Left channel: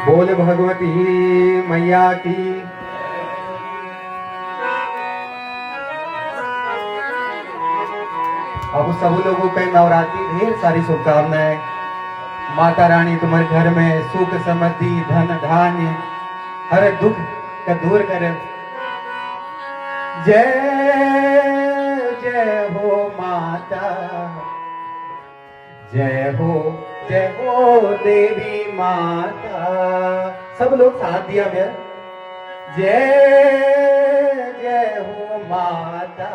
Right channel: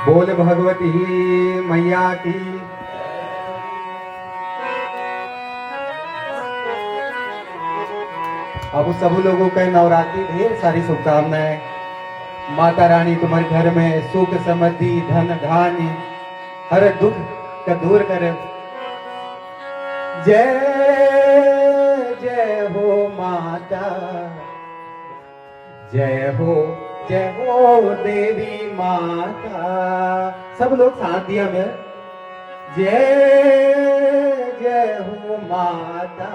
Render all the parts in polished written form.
बोल भगवती मैया की। अब सब लोगों के नवरात्रि ढेर सारी शुभकामनाएं। माता रानी तुम्हारे घर में सुख समृद्धि धन धान्य हर दुख का दूर करे। जय जय हो माता, जय हो देवी माता। सब लोग साथ दिया में जय जय हो माता,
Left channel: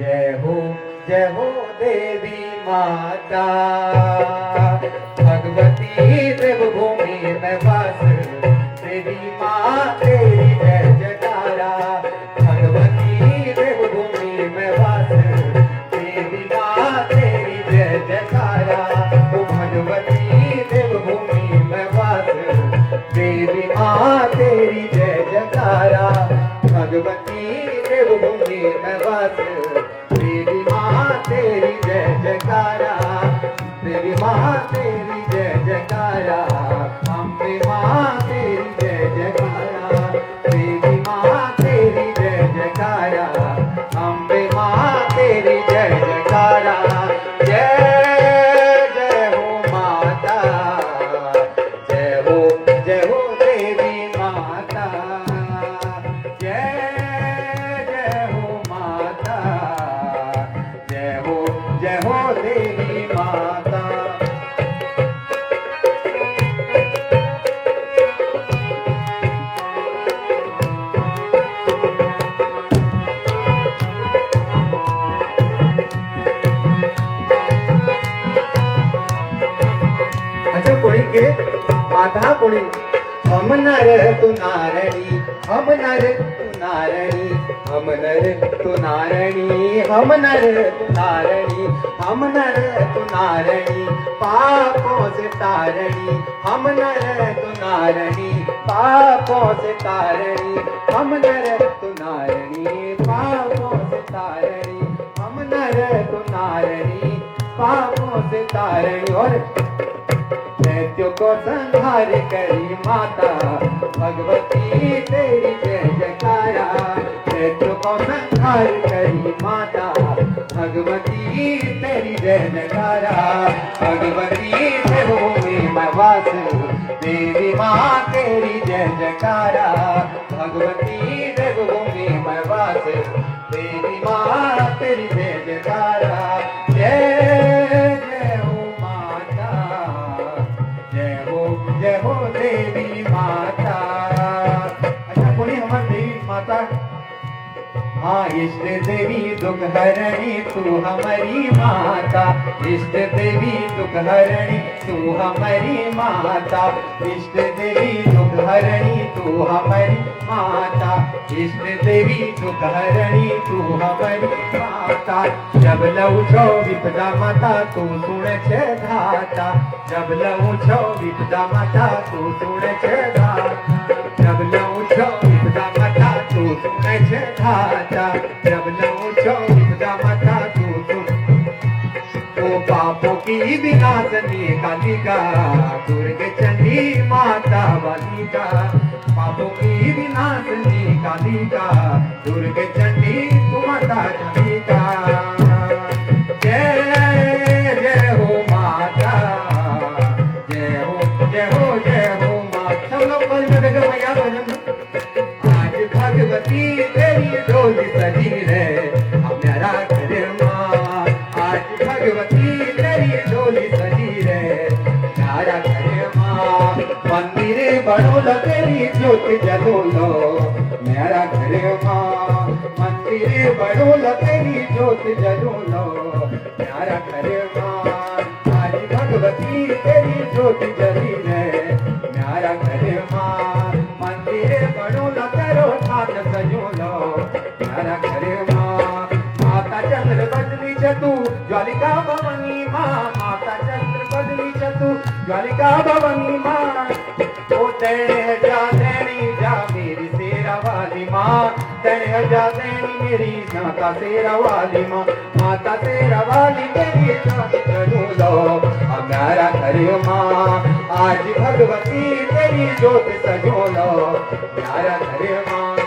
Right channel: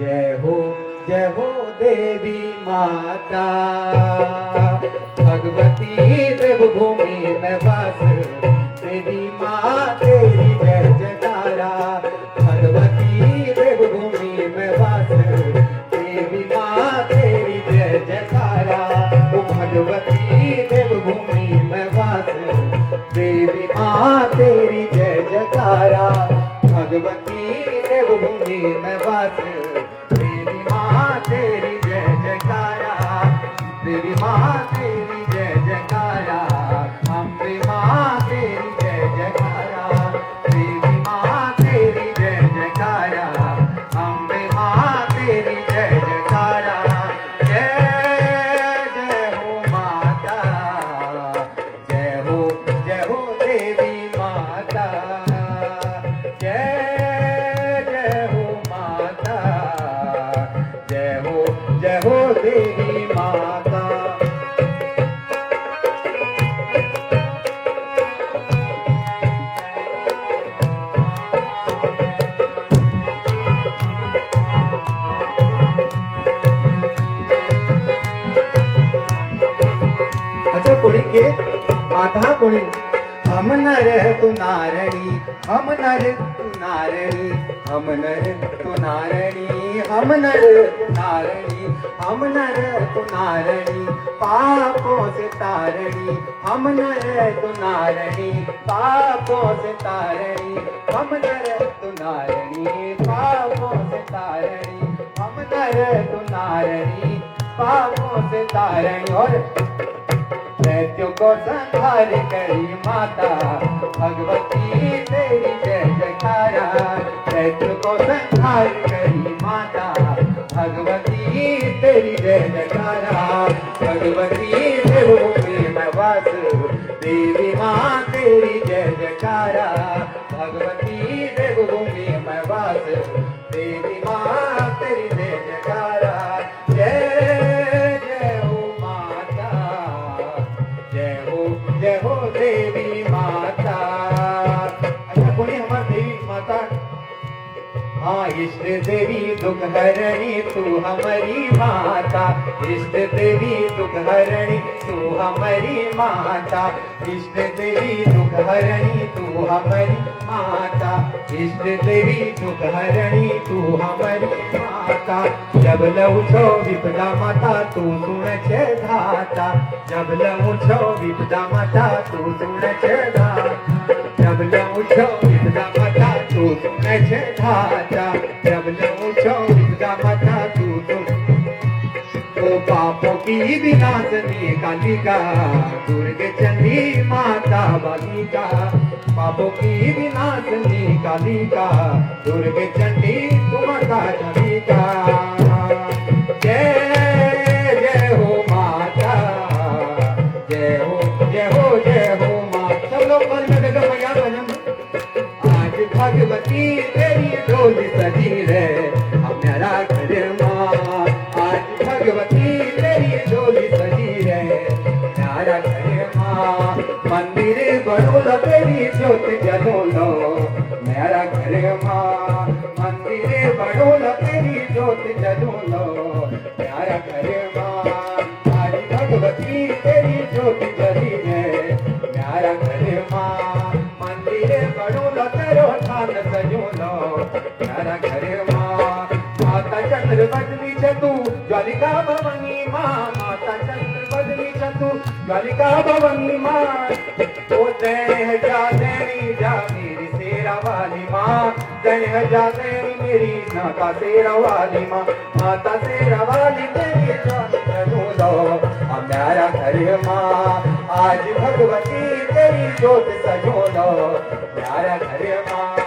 जय हो देवी माता। भगवती देवभूमि में वास देवी माँ तेरी जय जयकारा। भगवती देवभूमि में वास देवी माँ तेरी जय जयकारा। ओ भगवती देवभूमि में वास देवी माँ तेरी जय जयकारा। भगवती देवभूमि में वास देवी माँ तेरी जय जयकारा। देवी माँ तेरी जय जयकारा। अम्बे माँ तेरी जय जयकारा। देवी माँ तेरी जय जयकारा। अम्बे माँ तेरी जय जयकारा। जय जय हो माता, जय हो देवी माता। जय जय हो माता, जय हो देवी माता। अच्छा कोणी के आधा कोणी हम नर तू नारणी, हम नर तू नारणी, हम नर तू नारणी, हम नर तू नारणी, हम नर तू नारणी, पापों से तारणी। हम नर तू नारणी, पापों से तारणी। हम नर तू नारणी, पापों से तारणी। हम नर तू नारणी, पापों से तारणी। और दैत्यों को संहार करी माता भगवती तेरी जय जयकारा। दैत्यों को संहार करी माता भगवती तेरी जय जयकारा। भगवती देवभूमि में वास देवी माँ तेरी जय जयकारा। भगवती देवभूमि में वास देवी माँ तेरी जय जयकारा। जय जय हो माता, जय हो देवी माता। अच्छा कोणी हमार देवी माता। हाँ इष्ट देवी दुख हरणी तू हमारी माता। इष्ट देवी दुख हरणी तू हमारी माता। इष्ट देवी दुख हरणी तू हमारी माता। इष्ट देवी दुख हरणी तू हमारी माता। जब लहू छो विपदा माता तू सुन छे धाता। जब लहू छो विपदा माता तू सुन छे धाता। जब लहू छो विपदा माता तू सुन छे धाता। जब लहू छो विपदा माता तू सुन। ओ पापों की विनाशनी कालिका दुर्गे चंडी माता बालिका। पापों की विनाशनी कालिका दुर्गे चंडी तू माता चंडिका। जय जय हो माता, जय हो माता। सब लोग बोल में देखो भैया भजन। आज भगवती तेरी डोली सजी रे हमारा घर माँ। आज भगवती तेरी डोली सजी रे हमारा घर माँ। मंदिर बड़ोला तेरी ज्योत जगोलो मेरा घर माँ। मंदिर बड़ोला तेरी ज्योत जगोलो मेरा घर माँ। आज भगवती तेरी ज्योत जली रे मेरा घर माँ। मंदिर बड़ोला तेरो ठाट सजोलो मेरा घर माँ। माता चंद्र बदली तू ज्वालिका भवानी माँ। माता चंद्र बदली तू ज्वालिका भवानी माँ। ओ तेरे जा देनी जा मेरी तेरा वाली माँ। तेरे जा देनी मेरी माता तेरा वाली माँ। माता तेरा वाली तेरी जा लो हमारा घर माँ। आज भगवती ज्योत सजो लो यार घर मां